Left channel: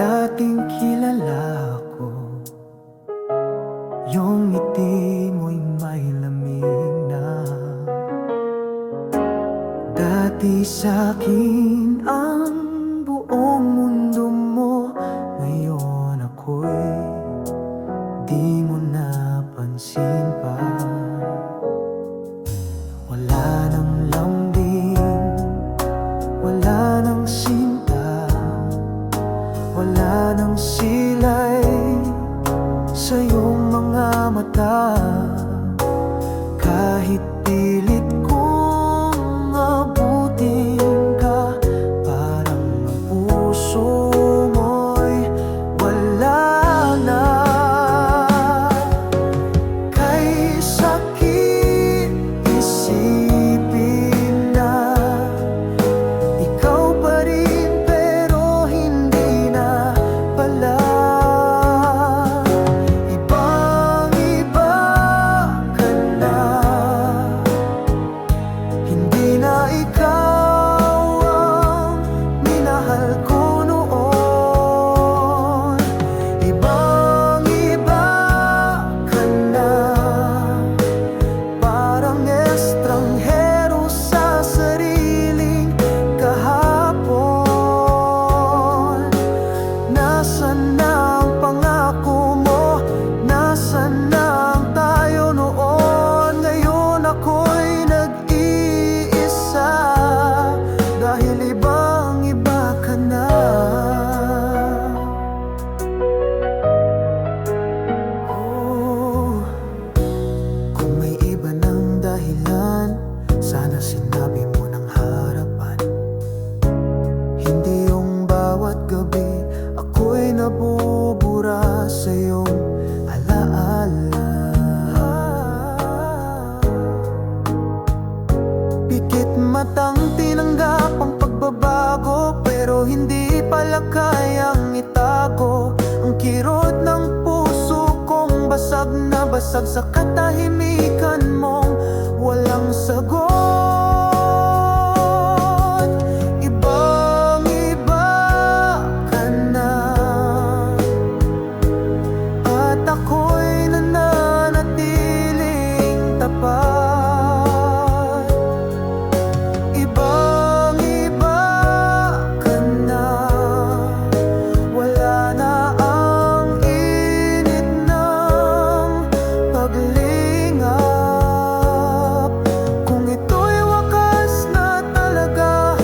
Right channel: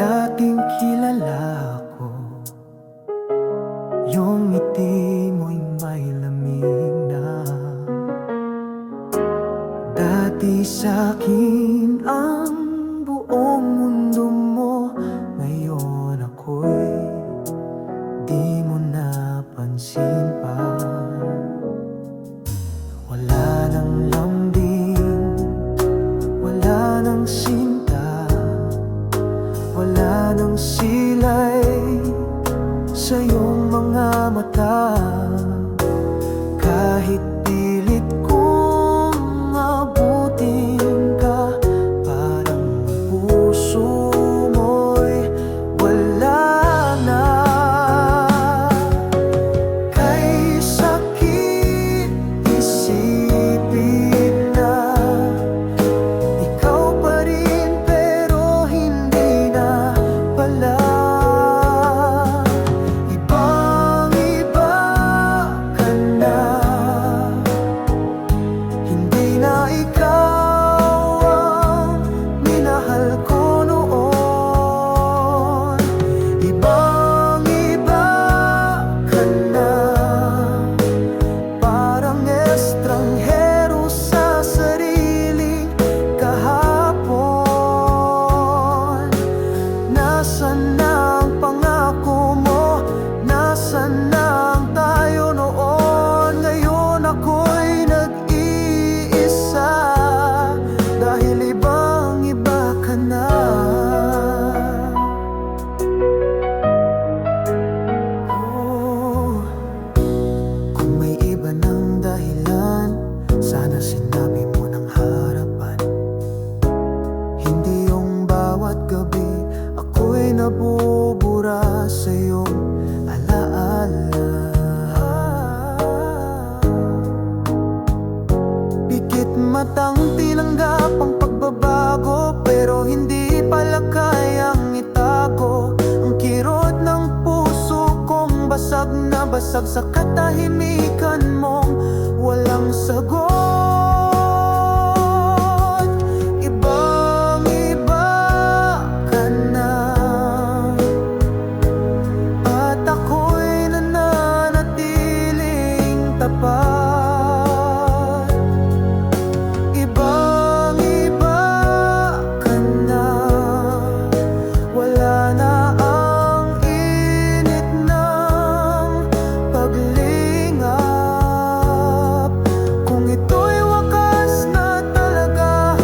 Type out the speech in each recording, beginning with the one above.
dating kilala ko, yung ngiti mo'y may lamig na. Dati sa'kin ang buong mundo mo, ngayon ako'y di mo napansin pa. Wala nang lambing, wala nang sinta, wala nang silay sa iyong mga mata. Kahit pilit kong abutin ka, parang ang puso mo'y wala na. Kay sakit isipin na ikaw pa rin, pero hindi na pala. Ibang-iba ka na, hindi na ikaw ang minahal ko noon. Ibang-iba ka na, parang estranghero sa sariling kahapon. Nasaan na ang pangako mo? Nasaan na ang tayo noon? Ngayon ako'y nag-iisa, dahil ibang-iba ka na. Oh, kung may iba ng dahilan, sana sinabi mo ng harapan. Hindi yung bawat gabi ako'y nabubura sa iyong alaala. Pikit matang tinanggap ang pagbabago, pero hindi pala kayang itago ang kirot ng puso kong basag na basag sa katahimikan mong walang sagot. Ibang-iba ka na, at ako'y nananatiling tapat. Ibang-iba ka na, wala na ang init ng paglingap. Kung ito'y wakas na talaga,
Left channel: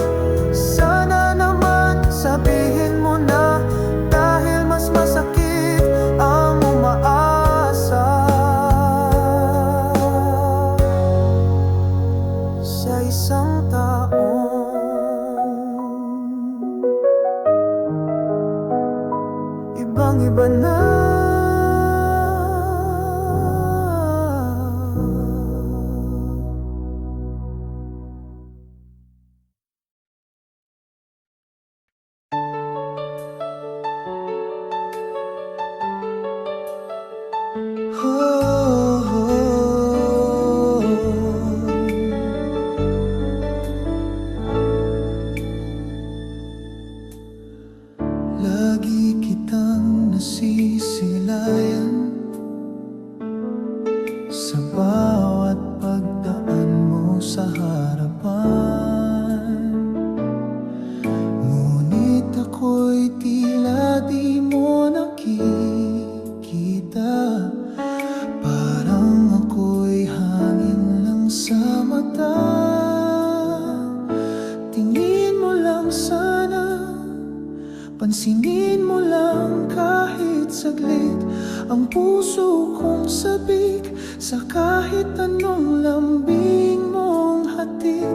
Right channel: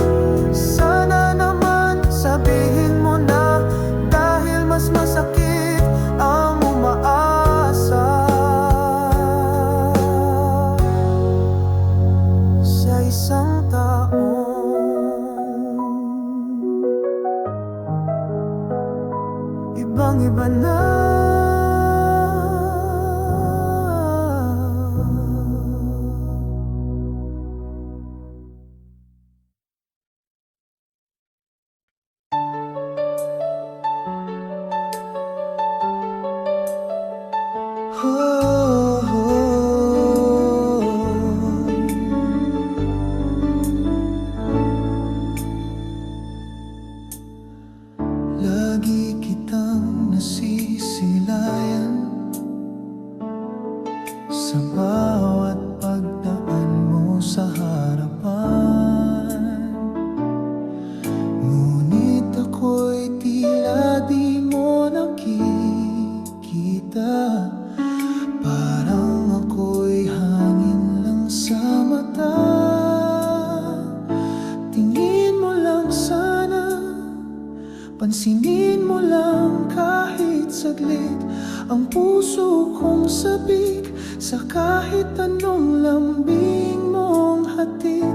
sana naman sabihin mo na, dahil mas masakit ang umaasa sa isang taong ibang-iba na. Lagi kitang nasisilayan sa bawat pagdaan mo sa harapan. Ngunit ako'y tila di mo nakikita, parang ako'y hangin lang sa mata. Tingin mo lang sana, pansinin mo lang kahit saglit ang puso kong sabik sa kahit anong lambing mong hatid.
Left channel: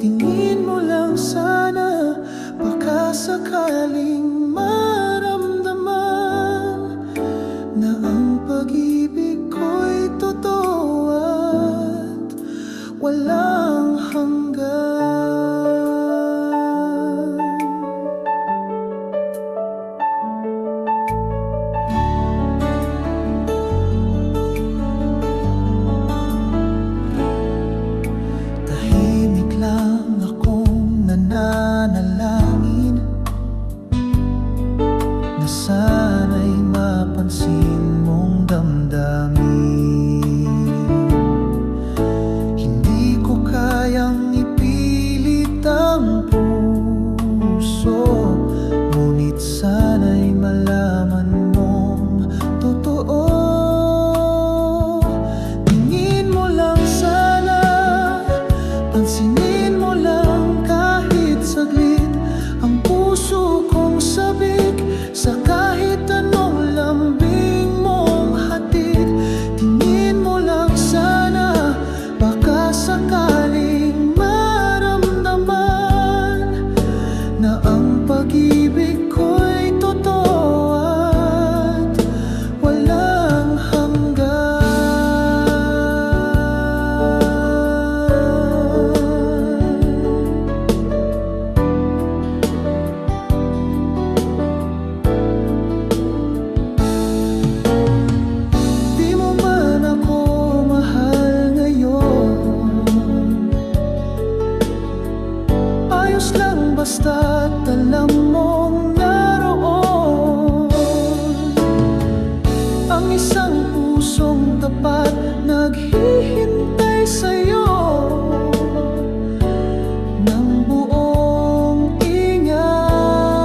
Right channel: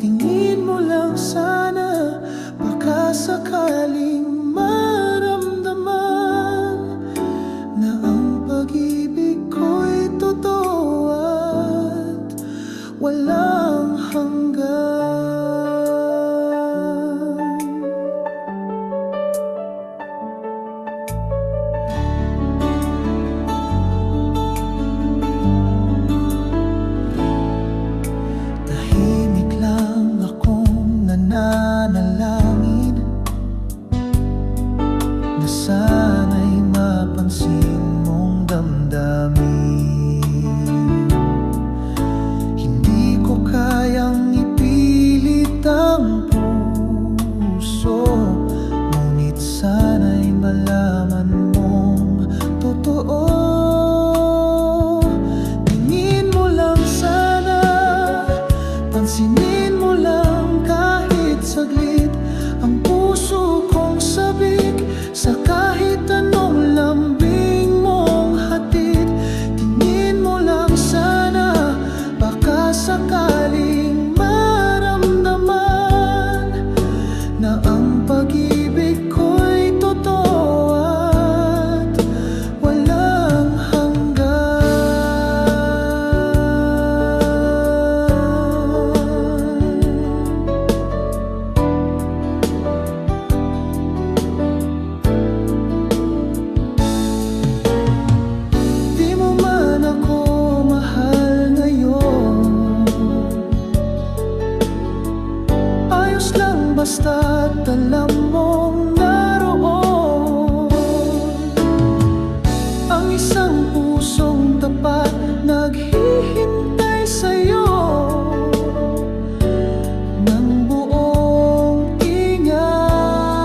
Tingin mo lang sana, baka sakaling maramdaman na ang pag-ibig ko'y totoo at walang hanggan. Tahimik lang akong nananalangin na puso. Ngunit sana'y malaman mong totoo. Tingin mo lang sana, pansinin mo lang kahit saglit ang puso kong sabik sa kahit anong lambing mong hatid. Tingin mo lang sana, baka sakaling maramdaman na ang pag-ibig ko'y totoo at walang hanggan. Di mo man ako mahal ngayon, ayos lang basta't alam mong naroon ang isang pusong tapat naghihintay sa'yo ng buong ingat.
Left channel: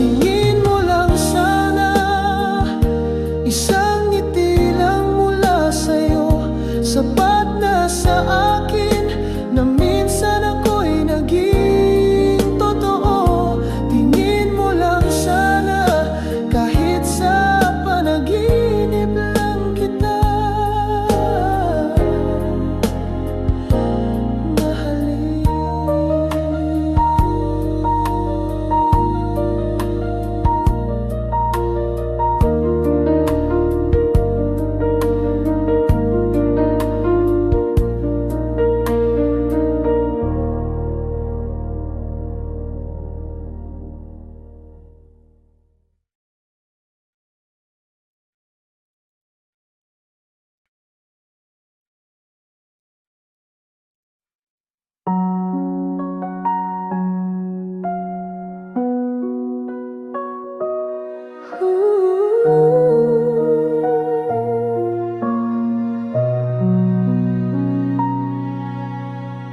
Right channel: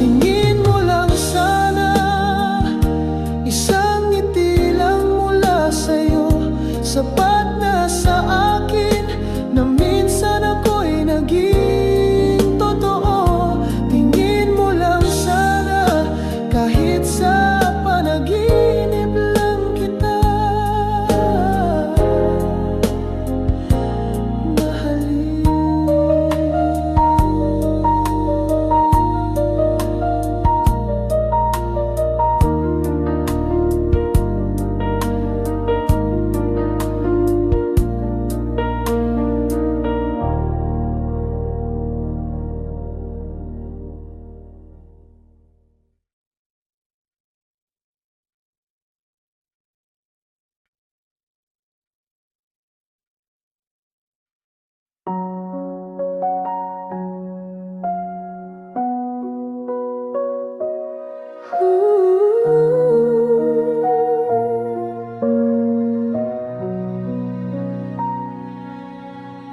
Tingin mo lang sana, isang ngiti lang mula sa'yo, sapat na sa akin na minsan ako'y naging totoo. Tingin mo lang sana, kahit sa panaginip lang kita mahalin.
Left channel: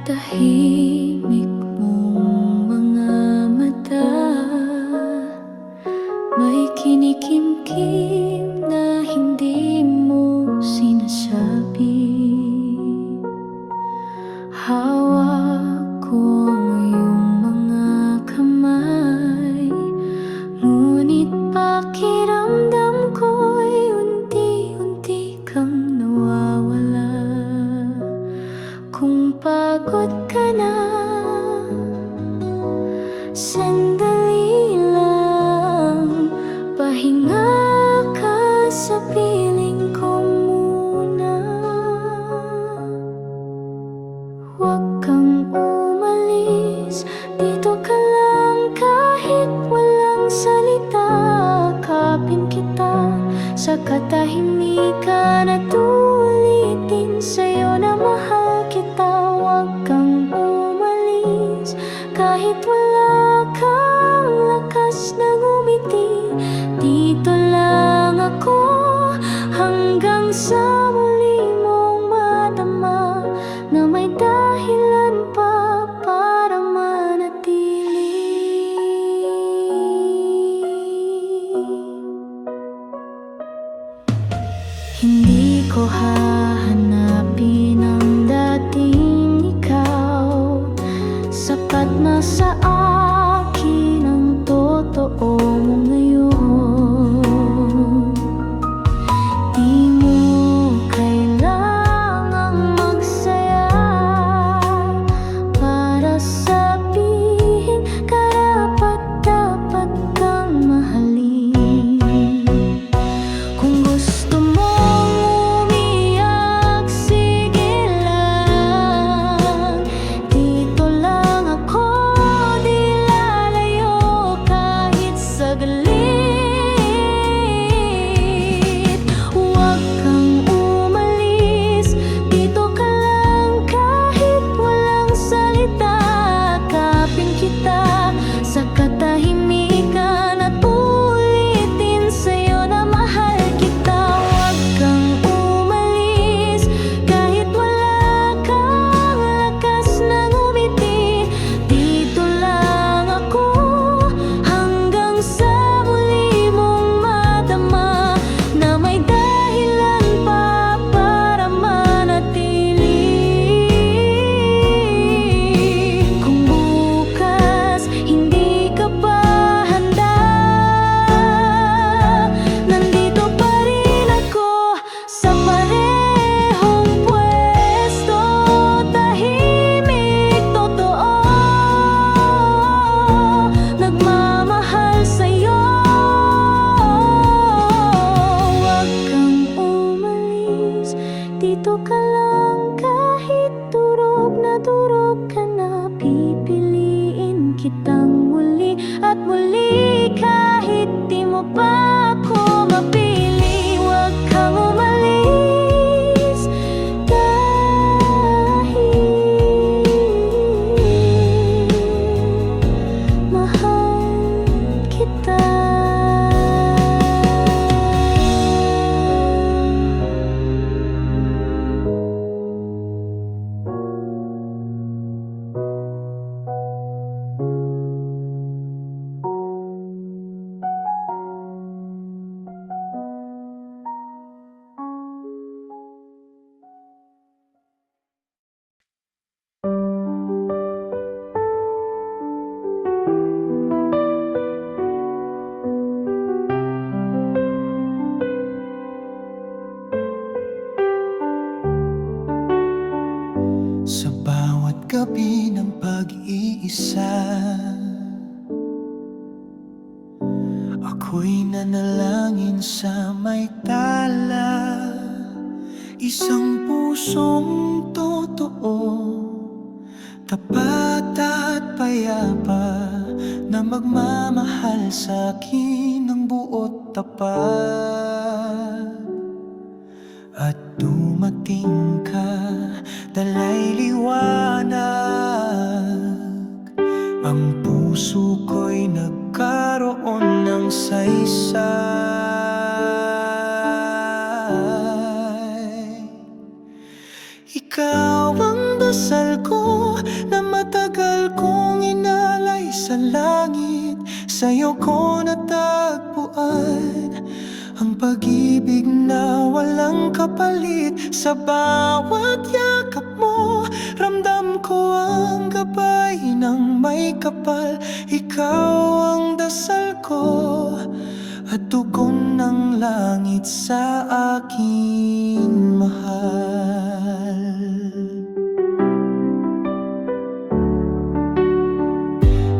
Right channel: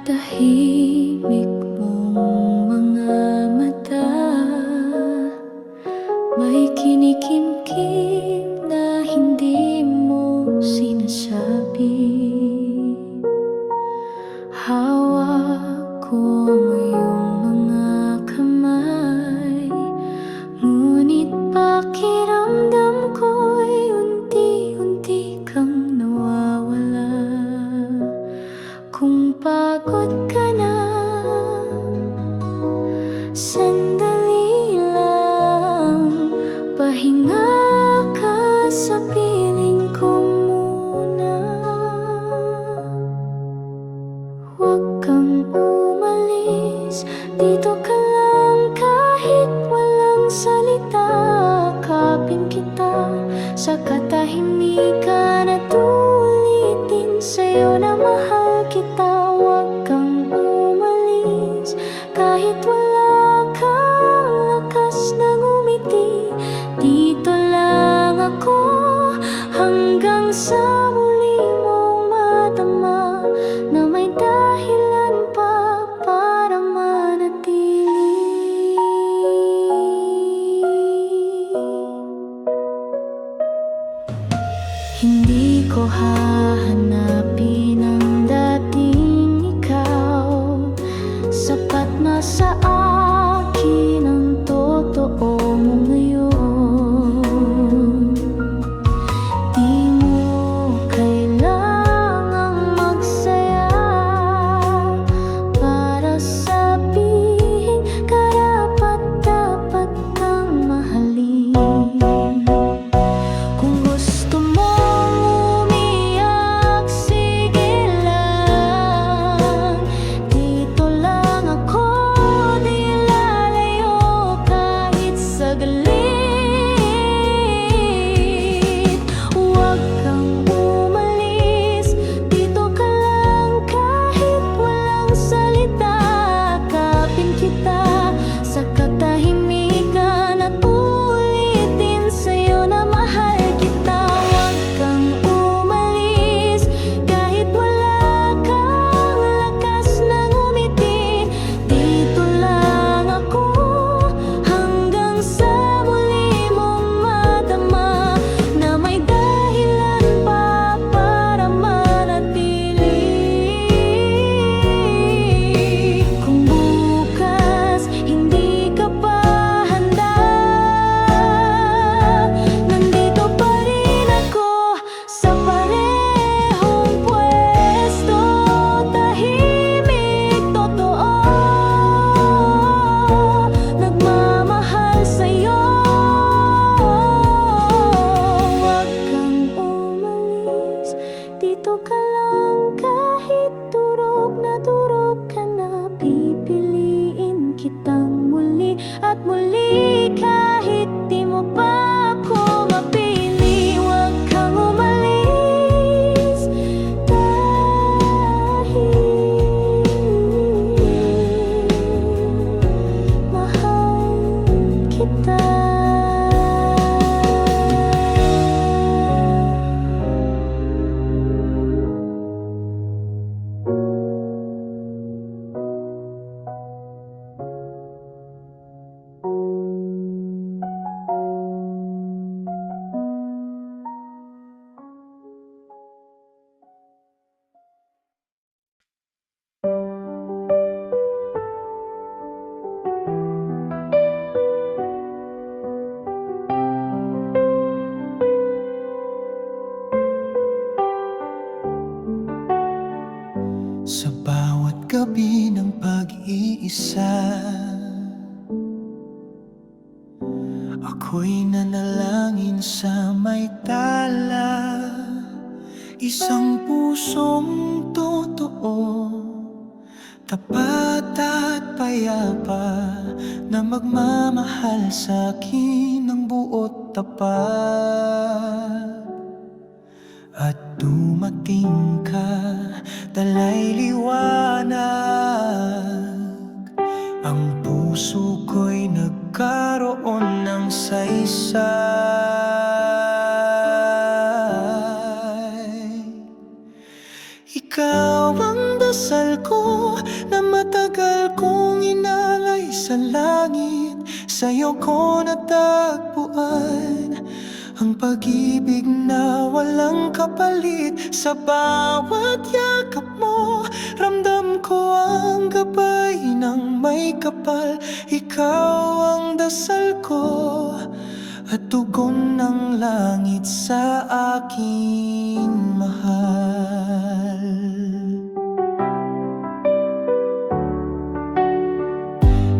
Tahimik mong mga mata, may kinikimkim na hindi mo sinasabi. Hawak ko ang iyong mga kamay, ngunit pakiramdam ko'y unti-unti kang nawawala. Kung pagod ka na, sandali lang, pahinga ka sa piling ko muna. Huwag kang umalis, dito ka lang kahit walang salita. Kapin kita sa katahimikan at ulitin sa'yo na mahal kita. Huwag kang umalis kahit wala kang lakas na ngumiti. Dito lang ako hanggang sa muli mong madama na may dahilan pa para manatili. Hindi ko hahanapin ang dating ikaw, sapat na sa akin ang totoo mo ngayon. Di mo kailangang magsaya para sabihin karapat-dapat kang mahalin. Kung gusto mong umiyak, sige lang. Dito lang ako, di lalayo kahit saglit. Nandito ka lang kahit durog na durog ka na. Pipiliin kitang muli at muli kahit di mo pa ako mapili. Huwag kang umalis dahil mahal kita. Sa bawat gabi ng pag-iisa, ako'y nanalangin sa may tala. Isang pusong totoo, tapat at payapa, na magmamahal sa'kin ng buot tapat. At dumating ka, dala'y liwanag. Ang puso ko'y nagkaroon ng saysay. Ikaw ang dasal ko na matagal kong inalay sa langit. Sa'yo ko natagpuan ang pag-ibig na walang kapalit. Sa bawat yakap mo, ramdam ko ang gabay ng may kapal. Ikaw ang dasal ko at tugon ng langit sa aking mahal.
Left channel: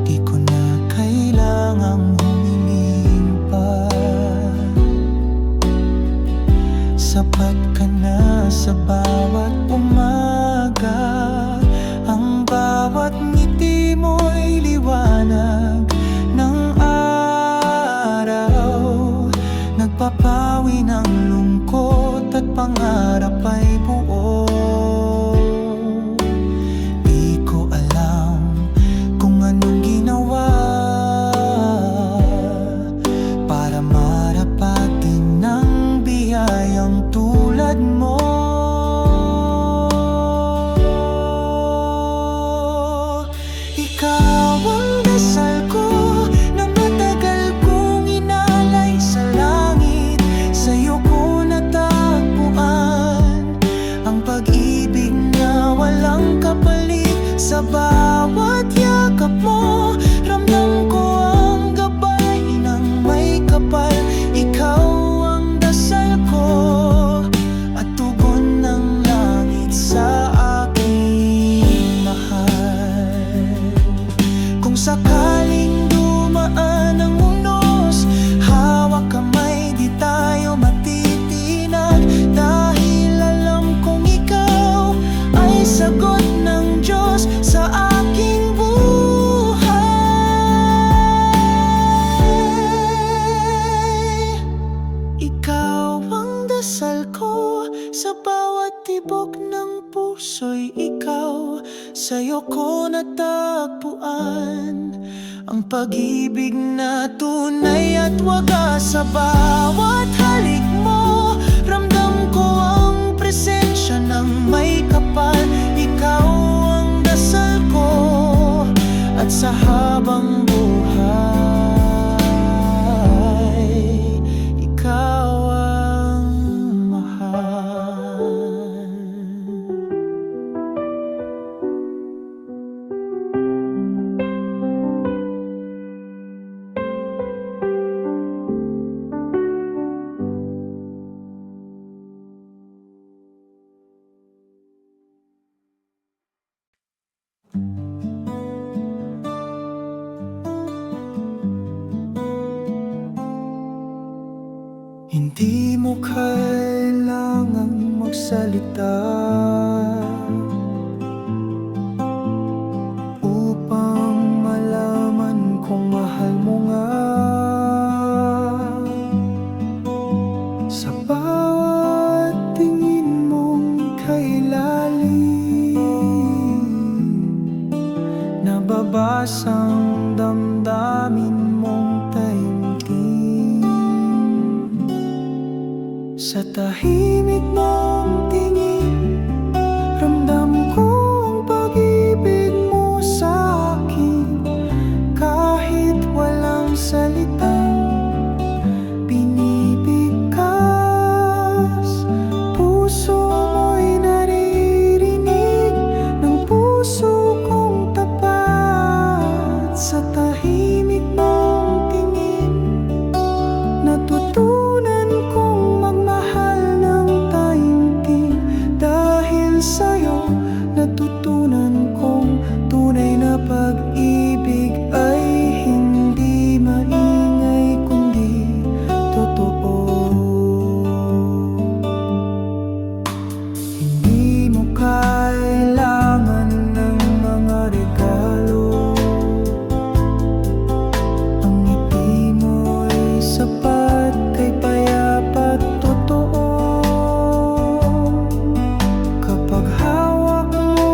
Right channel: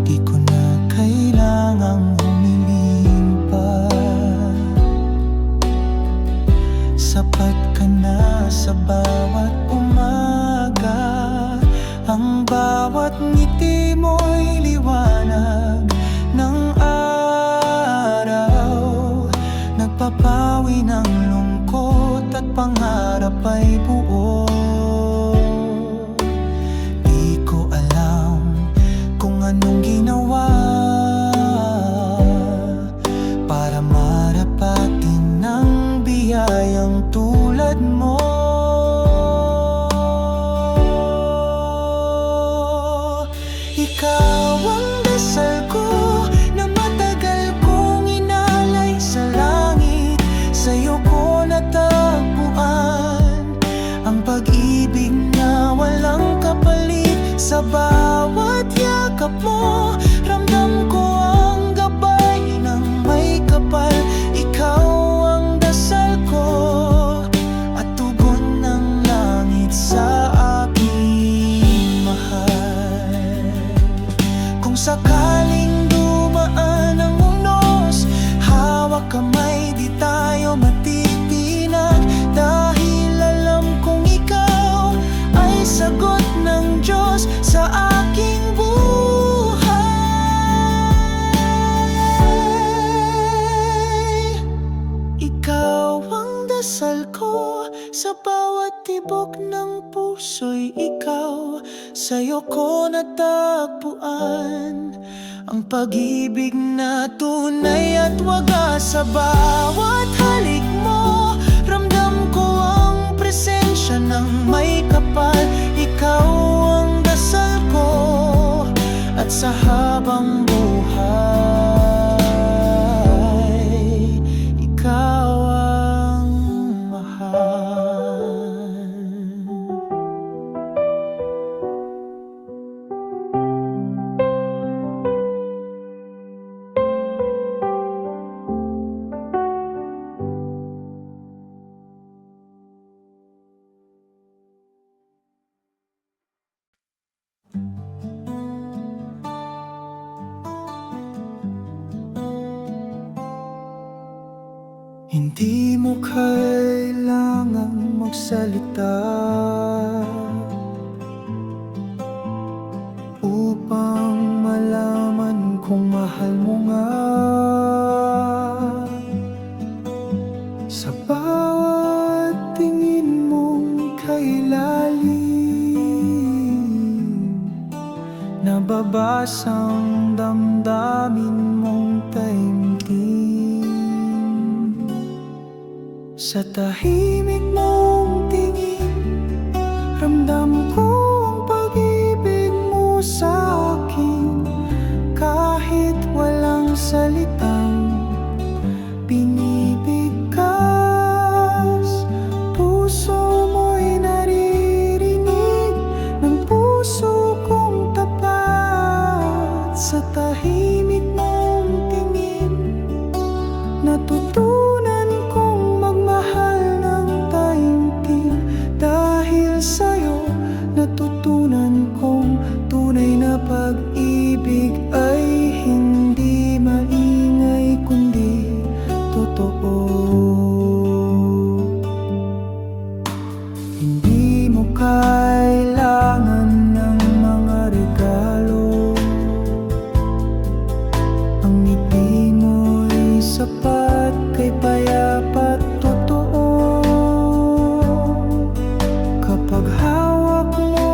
Di ko na kailangang humiling pa, sapat ka na sa bawat umaga. Ang bawat ngiti mo'y liwanag ng araw, nagpapawi ng lungkot at pangarap ay buo. Di ko alam kung anong ginawa para marapatin ng biyayang tulad mo. Ikaw ang dasal ko na matagal kong inalay sa langit. Sa'yo ko natagpuan ang pag-ibig na walang kapalit. Sa bawat yakap mo, ramdam ko ang gabay ng may kapal. Ikaw ang dasal ko at tugon ng langit sa aking mahal. Kung sakaling dumaan ang unos, hawak kamay, di tayo matitinag. Dahil alam kong ikaw ay sagot ng Diyos sa aking buhay. Ikaw ang dasal ko sa bawat tibok ng puso'y ikaw. Sa'yo ko natagpuan ang pag-ibig na tunay at wagas. Sa bawat halik mo, ramdam ko ang presensya ng may kapal. Ikaw ang dasal ko at sa habang buhay, ikaw ang mahal. Hindi mo kailangang magsalita upang malaman kung mahal mo nga. Sa bawat tingin mong kailalim, nababasang damdamin mong taimtim. Sa tahimik mong tingin, ramdam ko ang pag-ibig mo sa akin. Kahit walang salitang binibigkas, puso mo'y naririnig ng puso kong tapat. Sa tahimik mong tingin, natutunan kong magmahal ng taimtim. Dahil sa'yo, natutunan kong tunay na pag-ibig ay hindi maingay kundi totoo. Hindi mo kailangan ng mga regalo, ang ngiti mo'y sapat kay payapa't totoo. Kapag hawak mo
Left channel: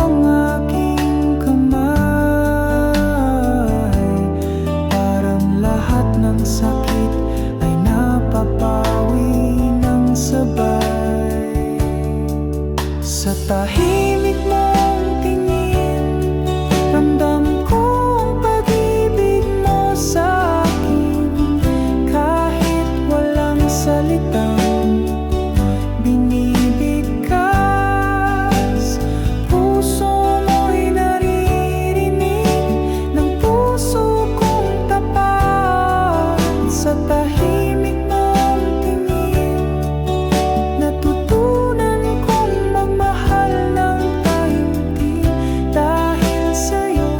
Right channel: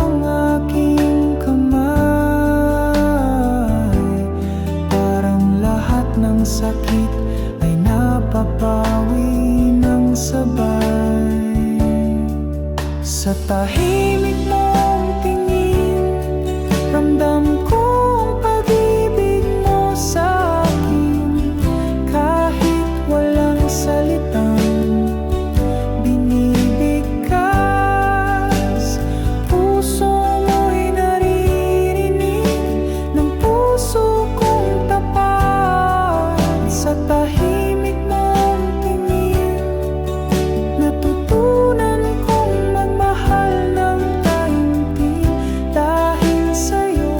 ang aking kamay, parang lahat ng sakit ay napapawi ng sabay. Sa tahimik mong tingin, ramdam ko ang pag-ibig mo sa akin. Kahit walang salitang binibigkas, puso mo'y naririnig ng puso kong tapat. Sa tahimik mong tingin, natutunan kong magmahal ng taimtim. Dahil sa'yo,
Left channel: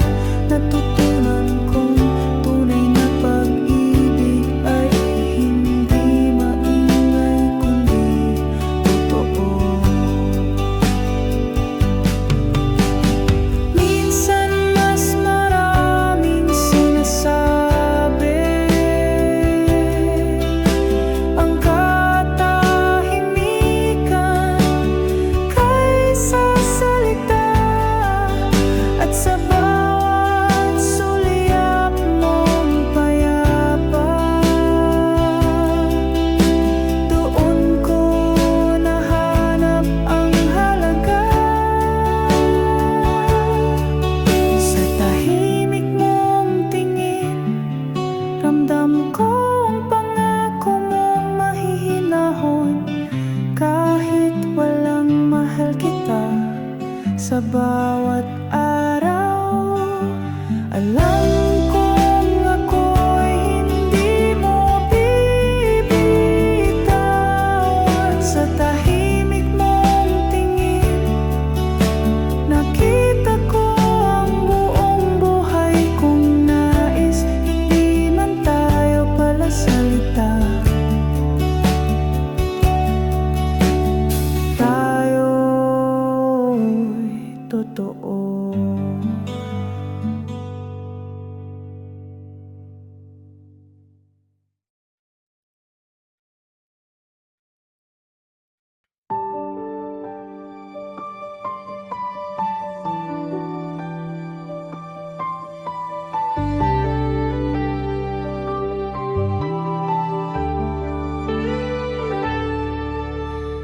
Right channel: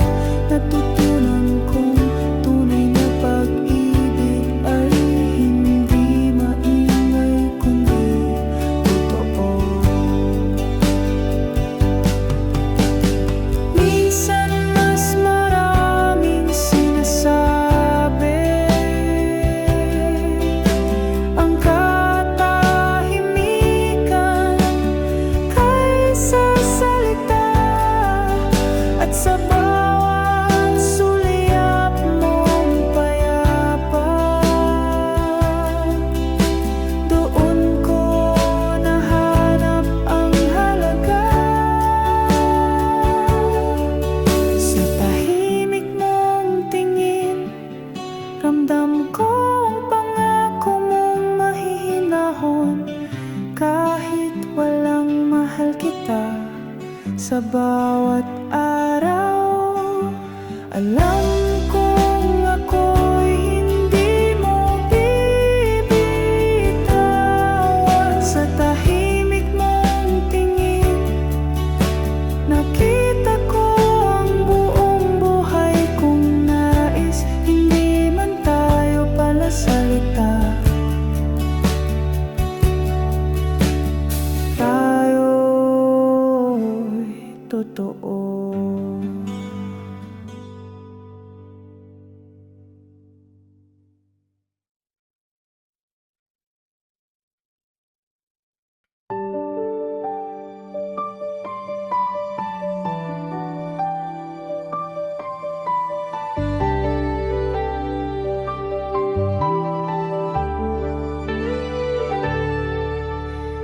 natutunan kong tunay na pag-ibig ay hindi maingay kundi totoo. Minsan mas maraming sinasabi ang katahimikan kaysa salita. At sa bawat sulyap mong payapa, doon ko nahanap ang halaga. Sa tahimik mong tingin, ramdam ko ang pangako mong mahihinahon. Kahit walang mahal kita sa bawat araw, alam kong ako'y hindi mo bibitawan. Sa tahimik mong tingin, nakita ko ang buong buhay kong nais. Hindi man tayo pala salita, tayo'y totoo.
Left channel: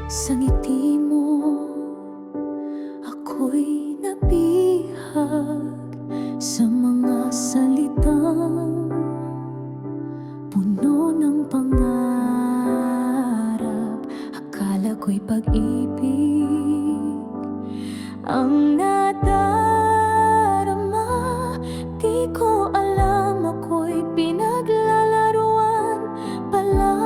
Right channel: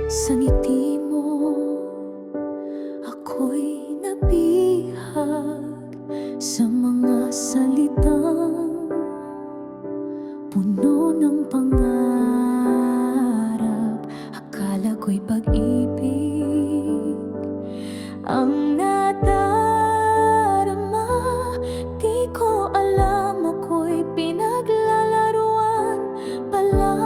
Sa ngiti mo, ako'y nabihag. Sa mga salitang puno ng pangarap, akala ko'y pag-ibig ang nadarama. Di ko alam ako'y pinaglalaruan pala.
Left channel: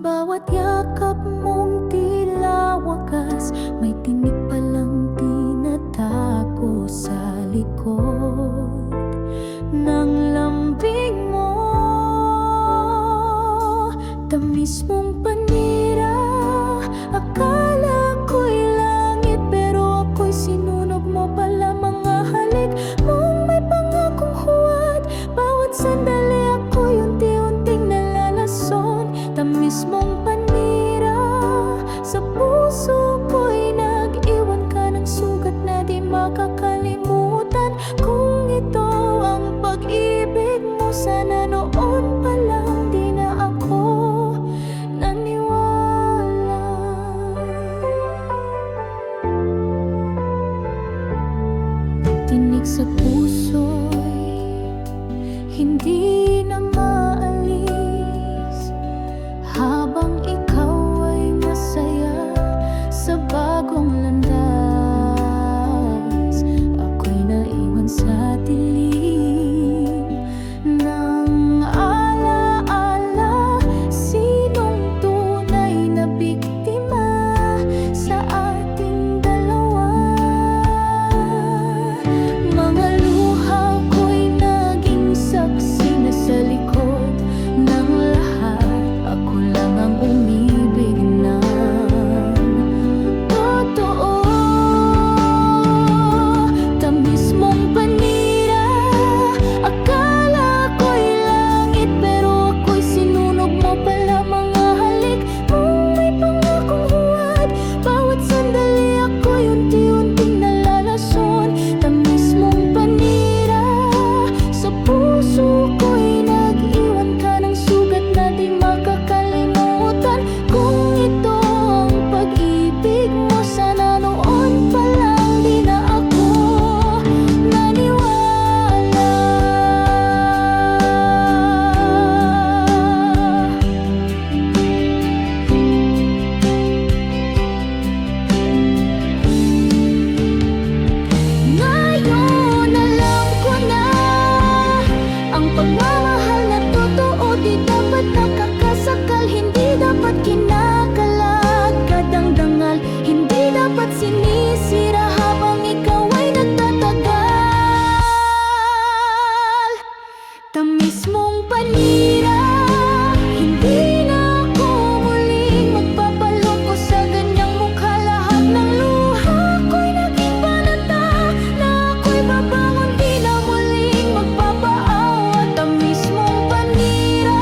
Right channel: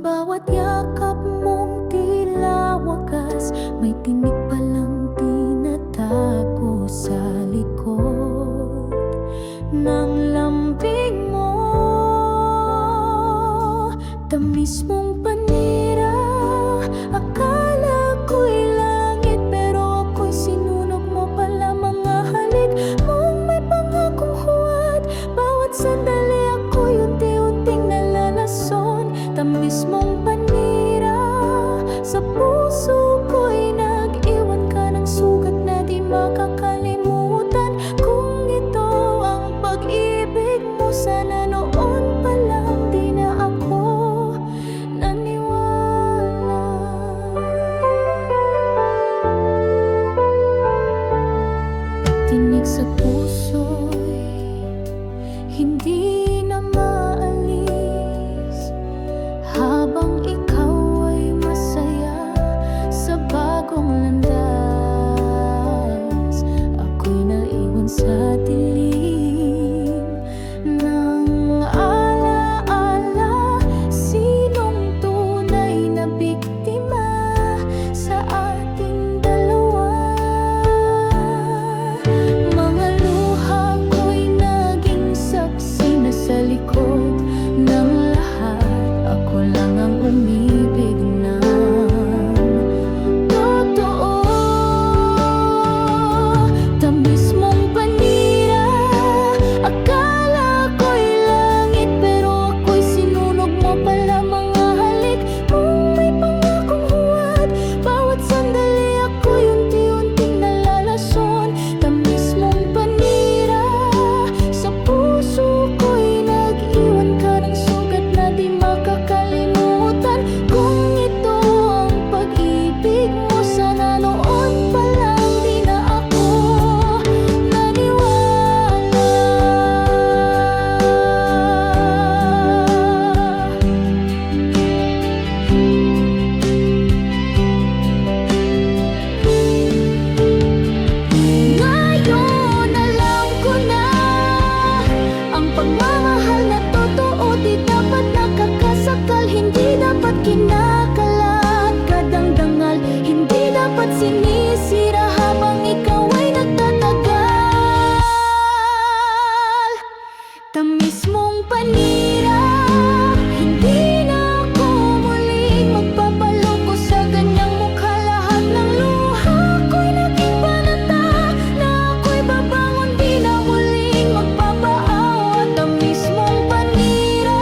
Bawat yakap mong tila wakas, may tinik palang tinatago sa likod ng lambing mo. Tamis mong panira, akala ko'y langit, pero ako'y sinunog mo pala. Mga halik mong may pangakong huwad, bawat sandali ako'y unti-unting nalalason. Tamis mong panira, sa puso ko'y nag-iwan ka ng sugat na di makakalimutan. Kung ito ang pag-ibig mo, sana noon pa lang di na ako naniwala. Tinig sa puso'y hindi na maalis, habang ikaw ay masaya sa bagong landas. Ako'y naiwan sa dilim ng alaala. Sinong tunay na biktima sa ating dalawa? Mga luha ko'y naging saksi na sa likod ng lahat. Ako lang ang umibig ng totoo. Tamis mong panira, akala ko'y langit, pero ako'y sinunog mo pala. Mga halik mong may pangakong huwad, bawat sandali ako'y unti-unting nalalason. Tamis mong panira, sa puso ko'y nag-iwan ka ng sugat na di makakalimutan. Kung ito ang pag-ibig mo, sana noon pa lang di na ako naniwala. Ngayon alam ko na, ang pagmamahal na totoo di dapat nakakasakal, hindi dapat kinakalat kadangdangal, hindi dapat sinisira habang ikaw ay nagtatagal. Tamis mong panira, hindi na ako muling magpapaloko sa ganyang mukha. Lahat ng luha ko'y naging panata, na ako'y babangon di na muling magpapaawa. Tamis mong panira,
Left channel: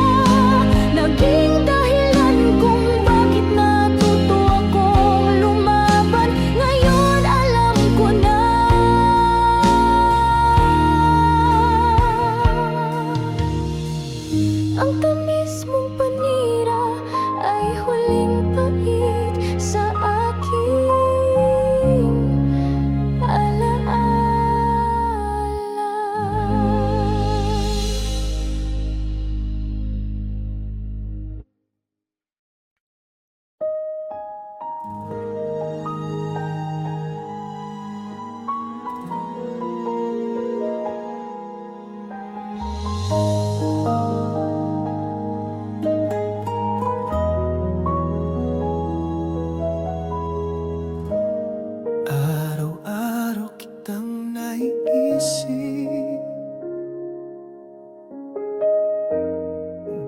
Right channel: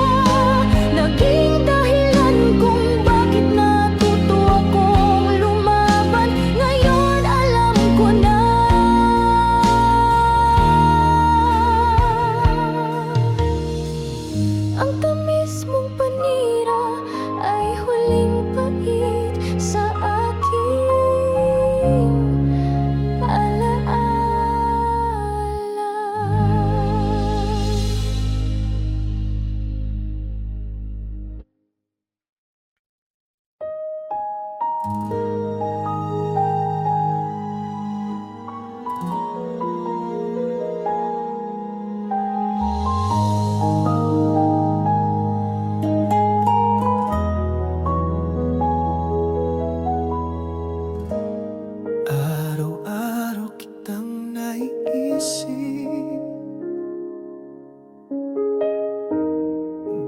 naging dahilan kung bakit natuto akong lumaban. Ngayon alam ko na, ang tamis mong panira ay huling pait sa aking alaala. Araw-araw kitang naiisip,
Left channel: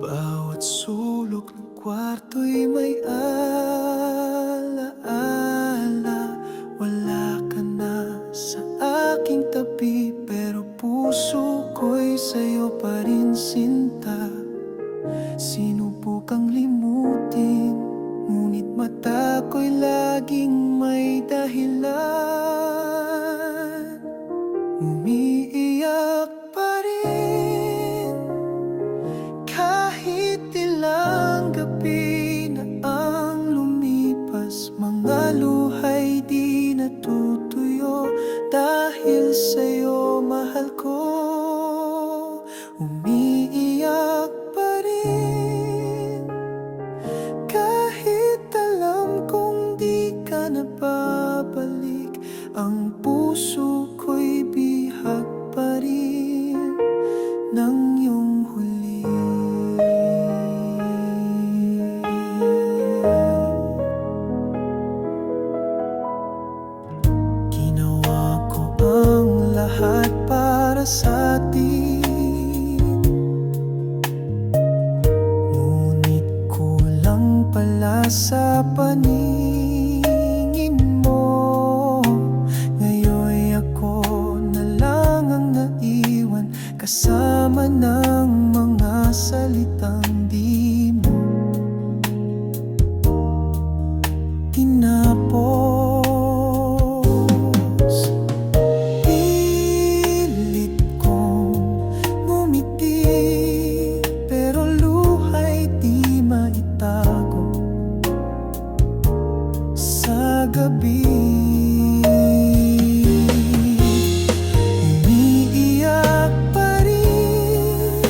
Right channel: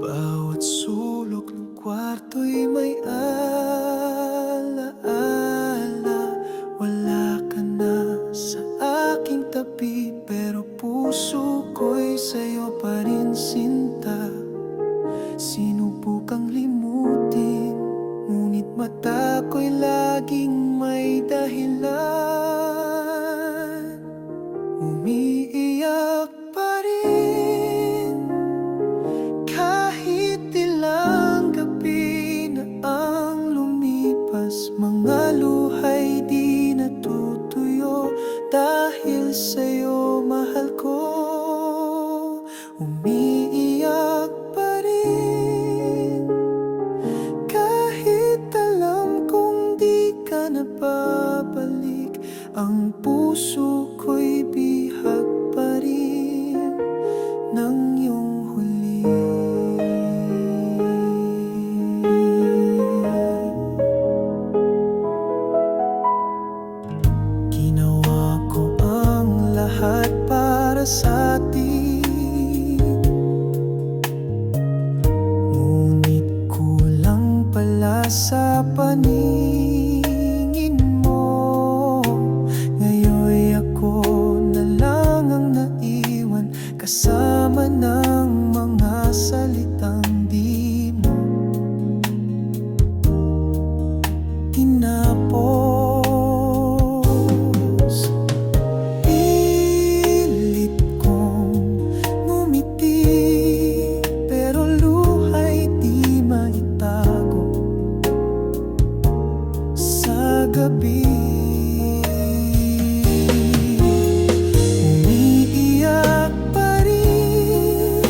bawat sulok ng kwarto'y may alaala. Wala ka na sa aking tabi, pero puso ko'y sa'yo pa rin sinta. Sinubukang limutin, ngunit mata ko'y laging may dahilan. Umiiyak pa rin kahit ilang gabi na ang lumipas. Mga luha'y di natutuyo dahil sa'yo, mahal ko. Umiiyak pa rin kahit alam kong di ka na babalik. Ang puso ko'y bihag pa rin ng iyong huli. Ginawa ko ang lahat para sa atin, ngunit sa paningin mo. Ngayon ako na lang ang naiwan, kasama ng mga salitang di mo tinapos. Pilit kong ngumiti, pero luha'y di maitago sa gabi. Umiiyak pa rin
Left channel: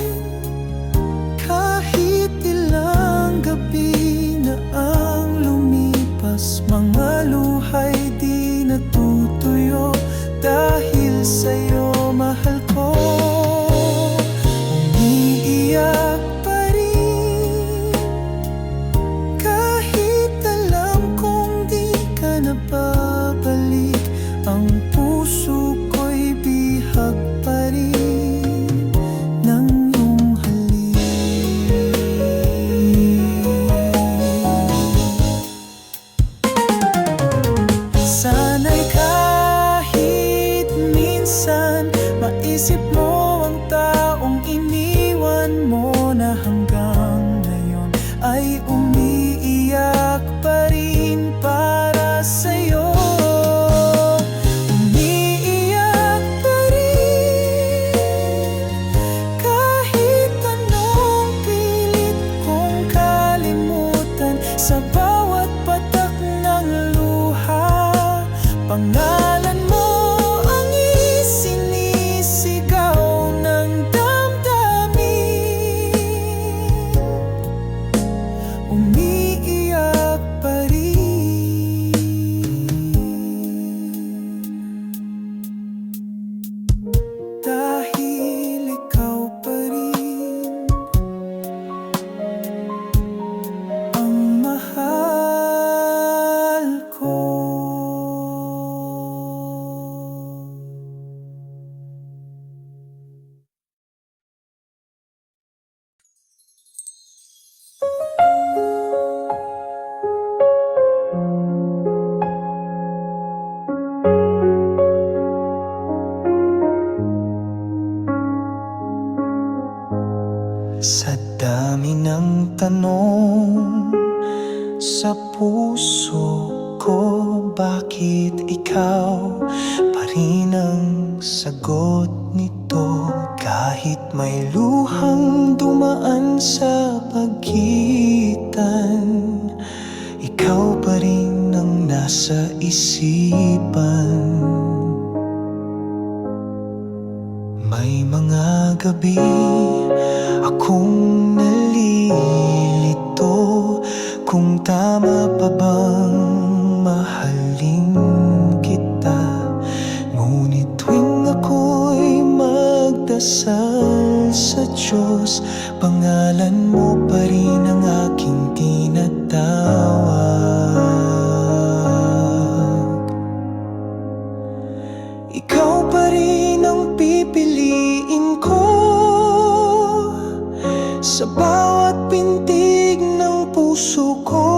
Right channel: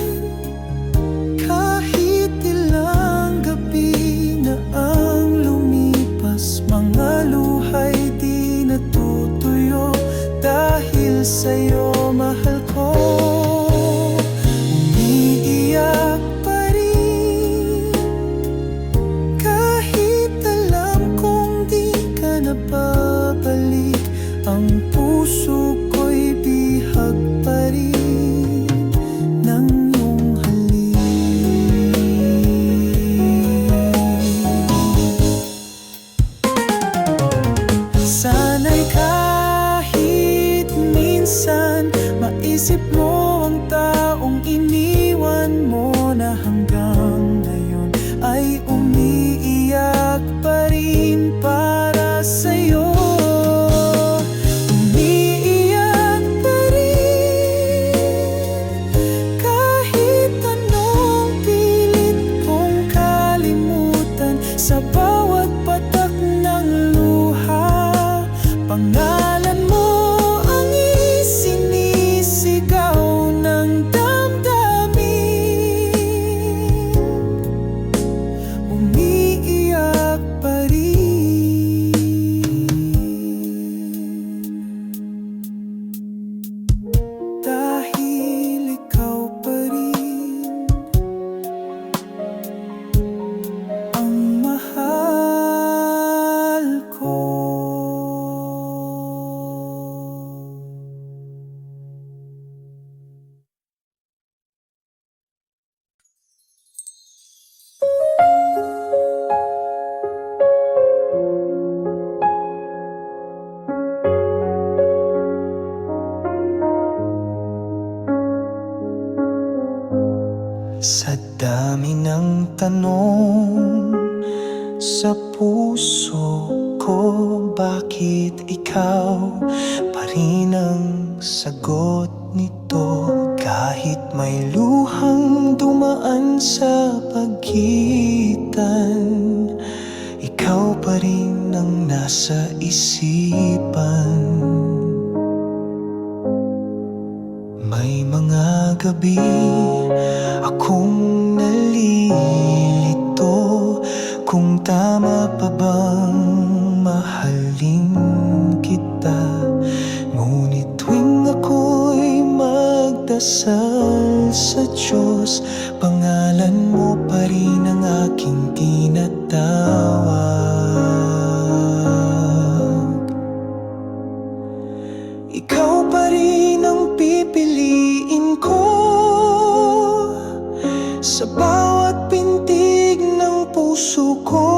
kahit ilang gabi na ang lumipas. Mga luha'y di natutuyo dahil sa'yo, mahal ko. Umiiyak pa rin kahit alam kong di ka na babalik. Ang puso ko'y bihag pa rin ng iyong halik. Sana'y kahit minsan maisip mo ang taong iniwan mo na hanggang ngayon ay umiiyak pa rin para sa'yo. Umiiyak pa rin kahit anong pilit kong kalimutan. Sa bawat patak ng luha, pangalan mo ang isinisigaw ng damdamin. Umiiyak pa rin dahil ikaw pa rin ang mahal ko. Sa dami ng tanong sa puso ko, bakit ikaw pa rin ang sagot nito? Kahit may luhang dumaan sa pagitan, ikaw pa rin ang nasa isipan. May mga gabi akong nalilito kung tama pa bang mahalin kita. Ngunit tuwing ako'y magdasal sa Diyos, pangalan mo pa rin ang aking tinatawag. Ikaw pa rin ang pipiliin ko sa bawat pintig ng puso ko.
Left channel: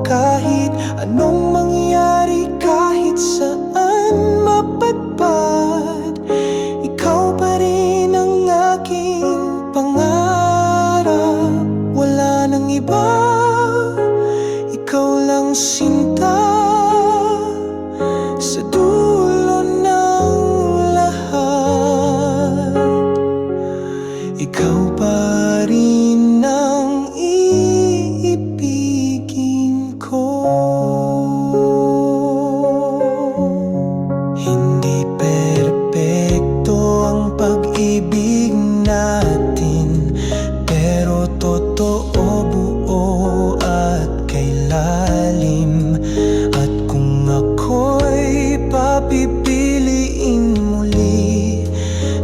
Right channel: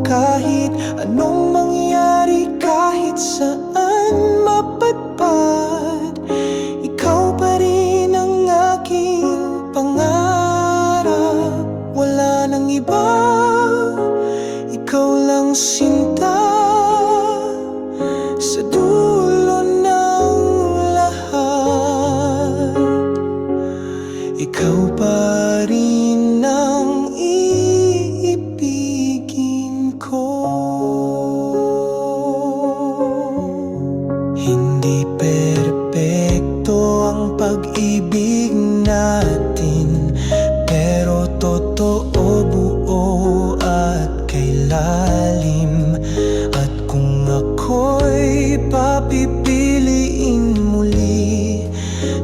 Kahit anong mangyari, kahit saan mapadpad, ikaw pa rin ang aking pangarap. Wala nang iba, ikaw lang sinta. Sa dulo ng lahat, ikaw pa rin ang iibigin ko. Hindi perpekto ang pag-ibig natin, pero totoo, buo at kay lalim. At kung ako'y papipiliin muli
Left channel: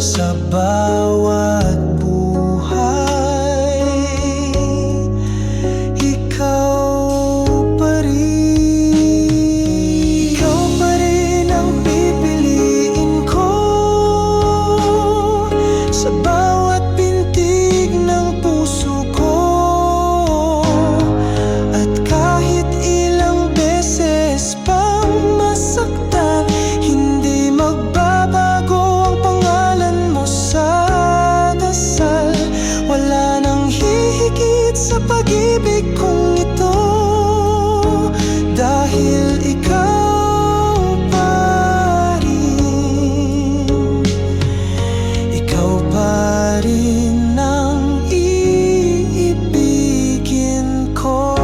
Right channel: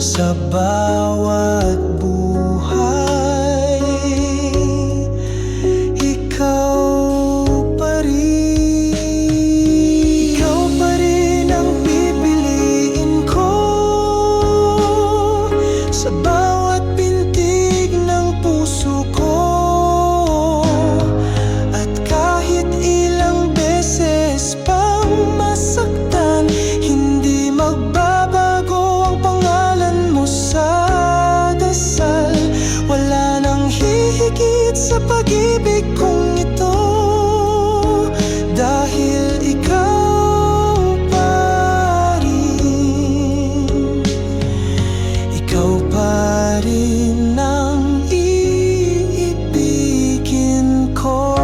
sa bawat buhay, ikaw pa rin. Ikaw pa rin ang pipiliin ko sa bawat pintig ng puso ko. rin ang iibigin ko.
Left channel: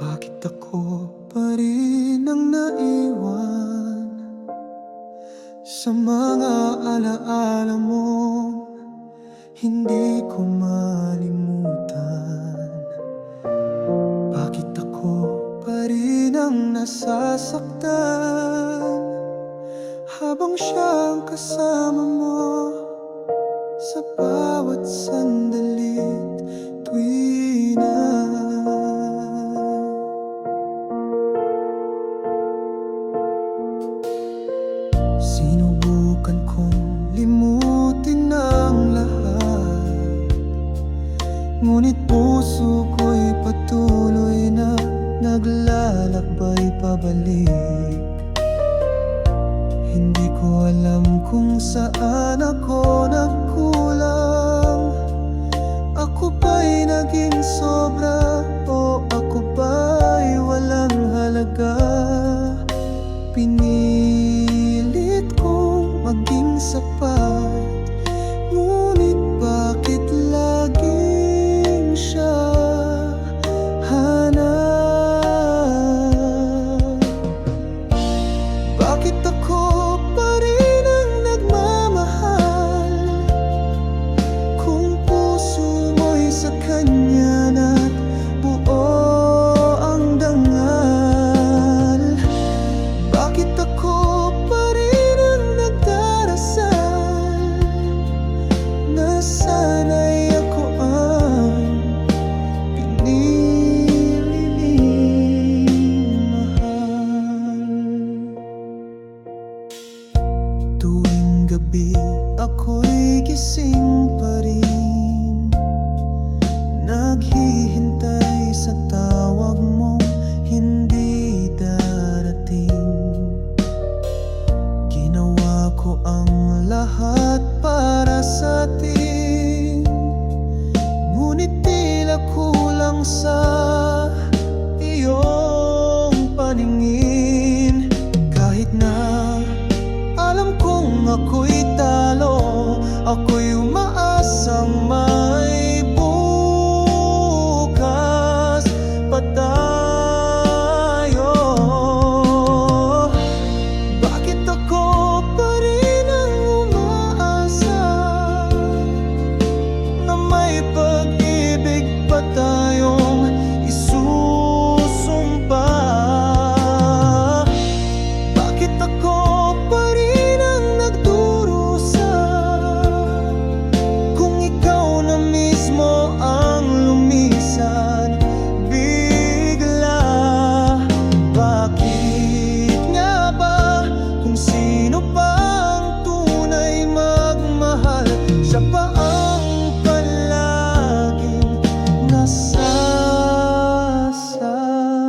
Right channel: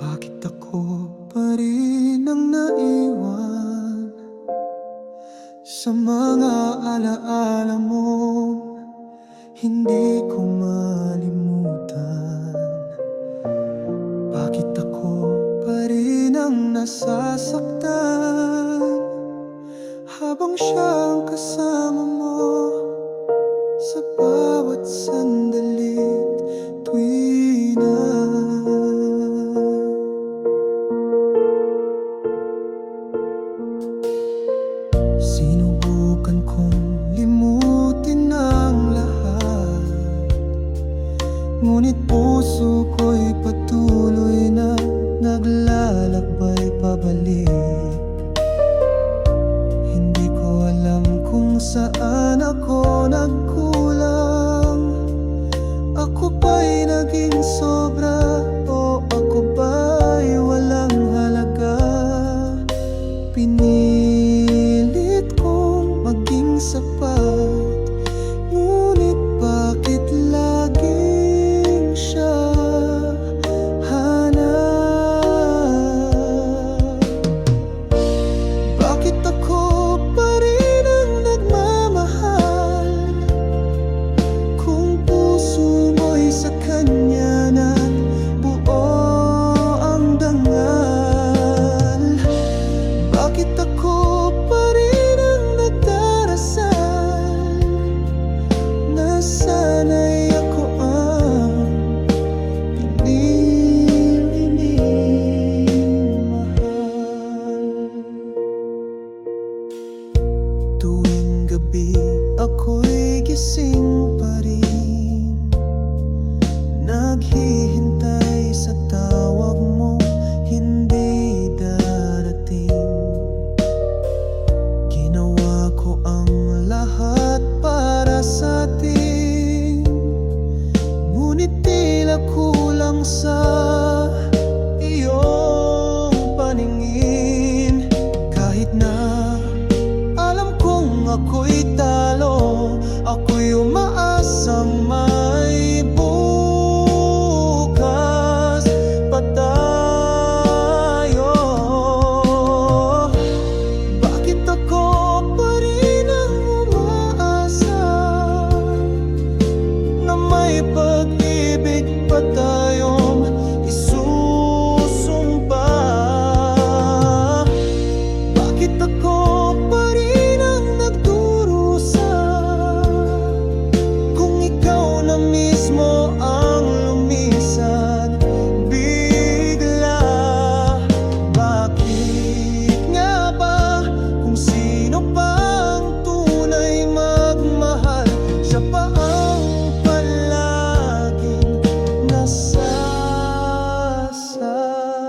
Bakit ako pa rin ang naiwan sa mga alaala mo? Hindi ko malimutan. Bakit ako pa rin ang nasasaktan habang siya ang kasama mo sa bawat sandalit tuwi na. Sinubukan kong limutin ang lahat, ngunit puso ko'y patuloy na naglalakbay pabalik. Hindi ko alam kung saan ako nagkulang. Ako ba'y naging sobra o ako ba'y walang halaga? Pinilit kong maging sapat, ngunit bakit laging siya hanap? Bakit ako pa rin ang nagmamahal kung puso mo'y sa kanya na't buo ang dangal? Bakit ako pa rin ang nagdarasal na sana'y ako ang piniling mahal? Tuwing gabi ako'y gising pa rin, naghihintay sa tawag mong hindi darating. Ginawa ko ang lahat para sa atin, ngunit tila kulang sa iyong paningin. Kahit na alam kong ako'y talo, ako'y umaasang may bukas pa tayo. Bakit ako pa rin ang umaasa na may pag-ibig pa tayong isusumpa? Bakit ako pa rin ang nagdurusa kung ikaw na mismo ang lumisan bigla? Bakit nga ba kung sino pang tunay magmahal, siya pa ang palaging nasasaktan?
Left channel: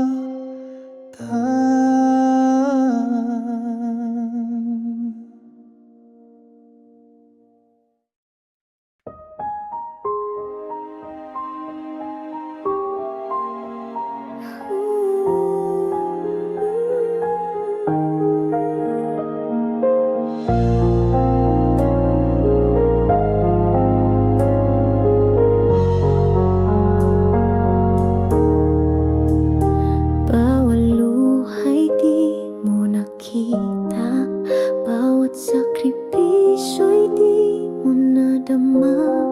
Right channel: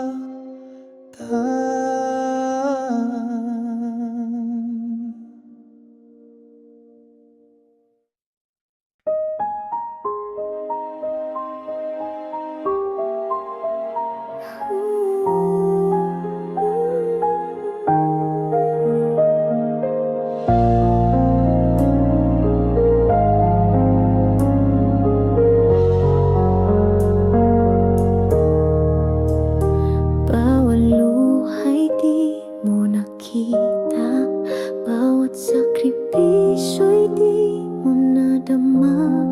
Bawat luha'y di mo nakita, bawat sakripisyo'y di mo nadama.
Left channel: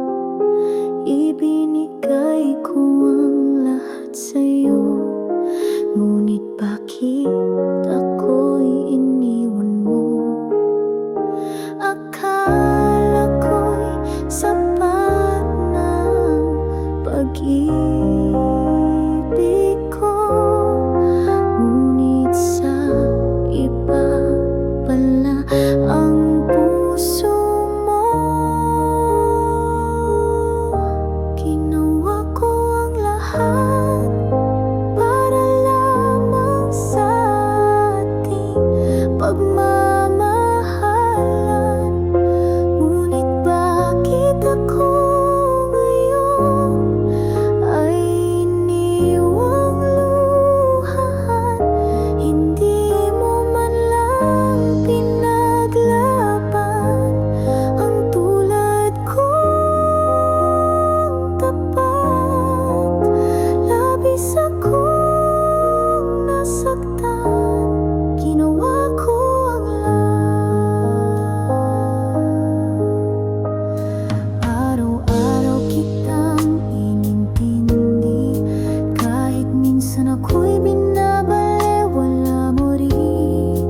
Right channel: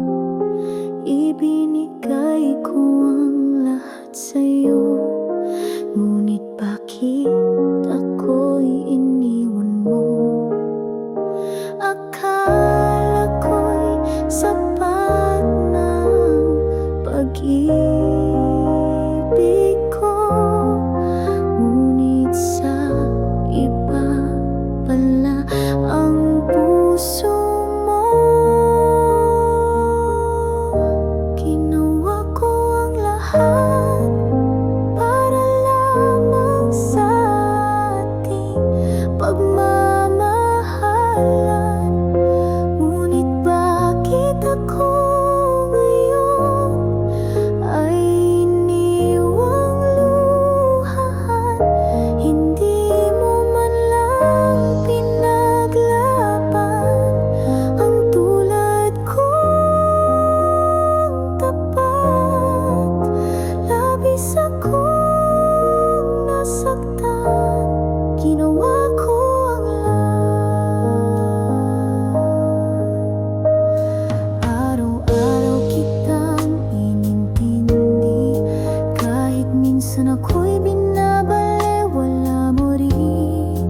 Ibinigay ko ang lahat sa'yo, ngunit bakit ako'y iniwan mo? Akala ko'y sapat ng pag-ibig ko, ngunit sa iba pala ang puso mo. Ginawa ko ang lahat para lamang sa ating pagmamahalan. Ngunit bakit ako ngayon ay iniwang luhaan? Hindi mo man lang pinaglaban ang tulad kong tapat. Labis akong nasaktan, ginawa ko ang lahat. Araw-araw kitang inintindi, kahit minsan ako'y binabalewala mo rin.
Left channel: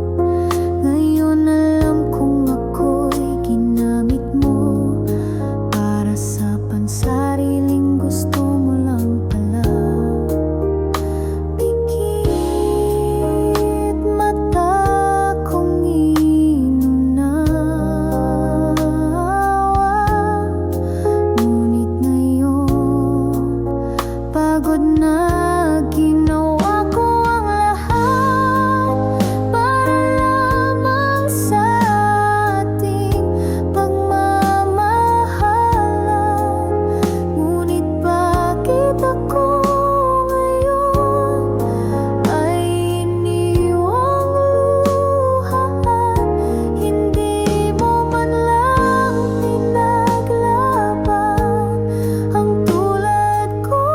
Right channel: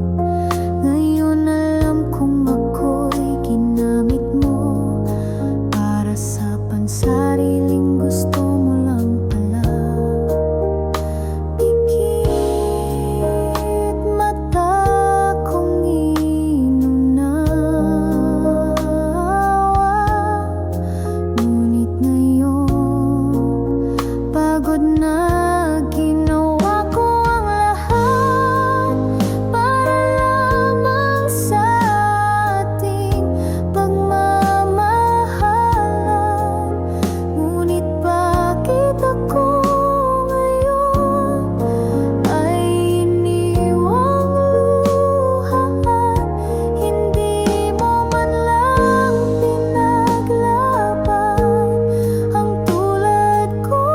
Ngayon alam kong ako'y ginamit mo para sa pansariling gusto mo lang pala. Pikit mata kong inunawa, ngunit ngayon pagod na. Ginawa ko ang lahat para lamang sa ating pagmamahalan. Ngunit bakit ako ngayon ay iniwang luhaan? Hindi mo man lang pinaglaban ang tulad kong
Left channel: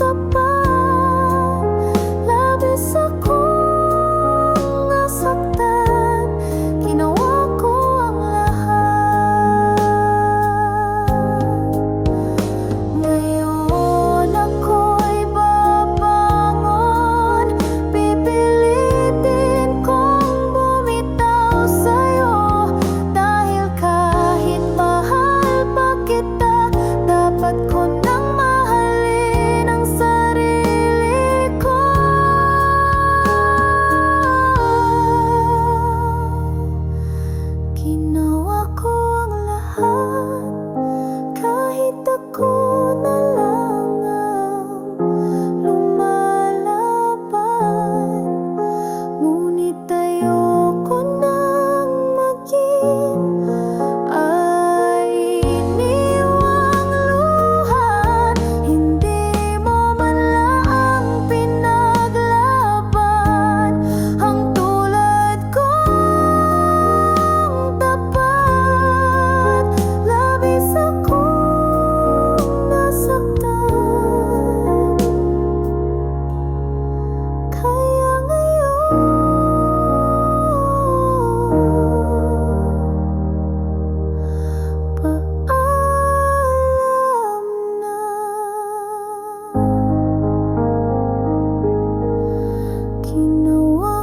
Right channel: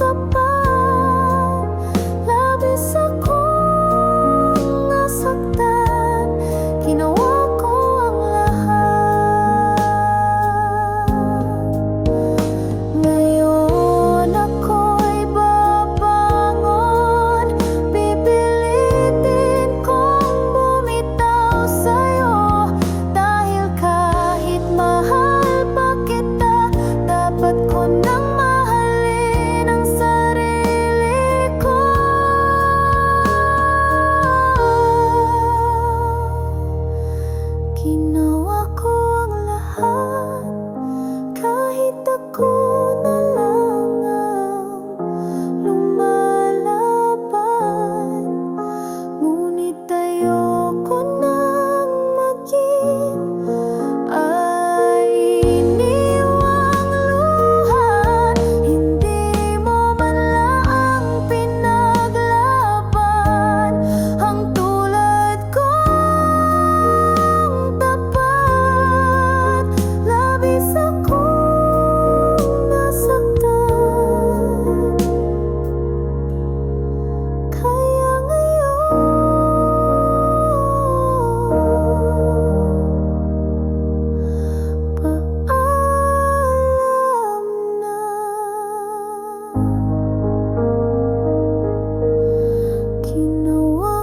tapat. Labis akong nasaktan, ginawa ko ang lahat. Ngayon ako'y babangon, pipilitin kong bumitaw sa'yo. Dahil kahit mahal pa kita, dapat ko nang mahalin ang sarili ko. Ginawa ko ang lahat, kahit ako na lang ang lumalaban. Ngunit ayoko nang maging ay iniwang luhaan. Hindi mo man lang pinaglaban ang tulad kong tapat. Labis akong nasaktan, kaya ngayon paalam na. Ginawa